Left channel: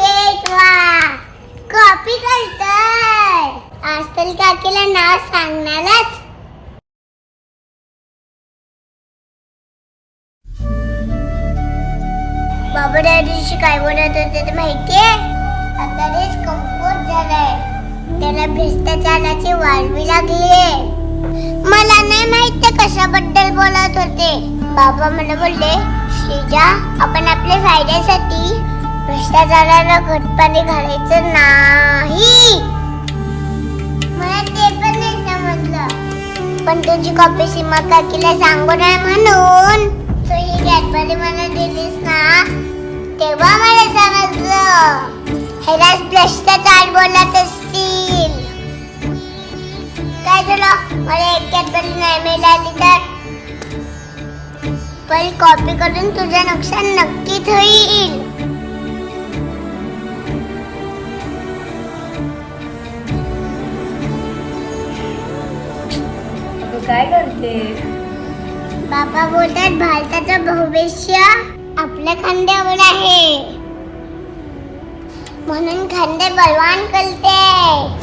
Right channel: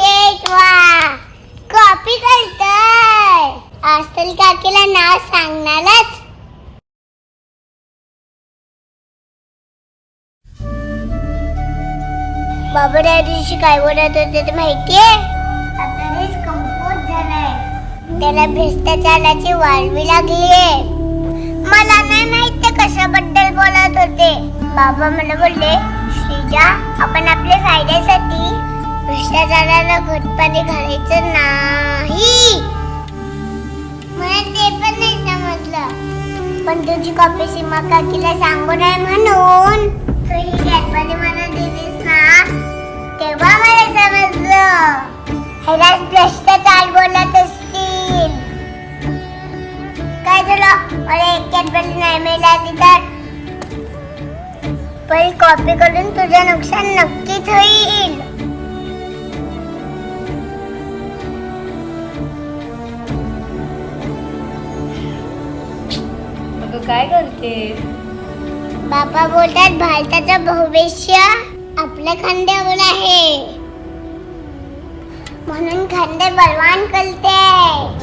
शेटवा copy आज आजतल काकीला नाव सांगणारच बाबा त्या काय बोलत होते ते माहितीये आता देश कंपोज झालाय त्याला भ्रष्टाचाराची वाळवी लागलीये मला नाही माहित कशाबद्दल बोलत होते बाबा मला बोलले श्रीजा आपण आपल्या फायद्यासाठी त्या झाडाला घट पाणी घालायचं नाही मला ते पण नाही समजलं पण तुझी कॉपी सीमा काकीला सांगू नये म्हणून तू ही गॅटपाणी मला दिलीस ना तेव्हा मला समजलं ह्याला भ्रष्टाचार बोलत असतील काय झालं मला एक गॅटपाणी नाही मिळाली तर पण कॉपी करून तुझं नुकसान नक्कीच होईल काय करते बाबा बोलतात भारताचं भविष्य आपल्या खांद्यावर आहे म्हणून खांदे बलवान करते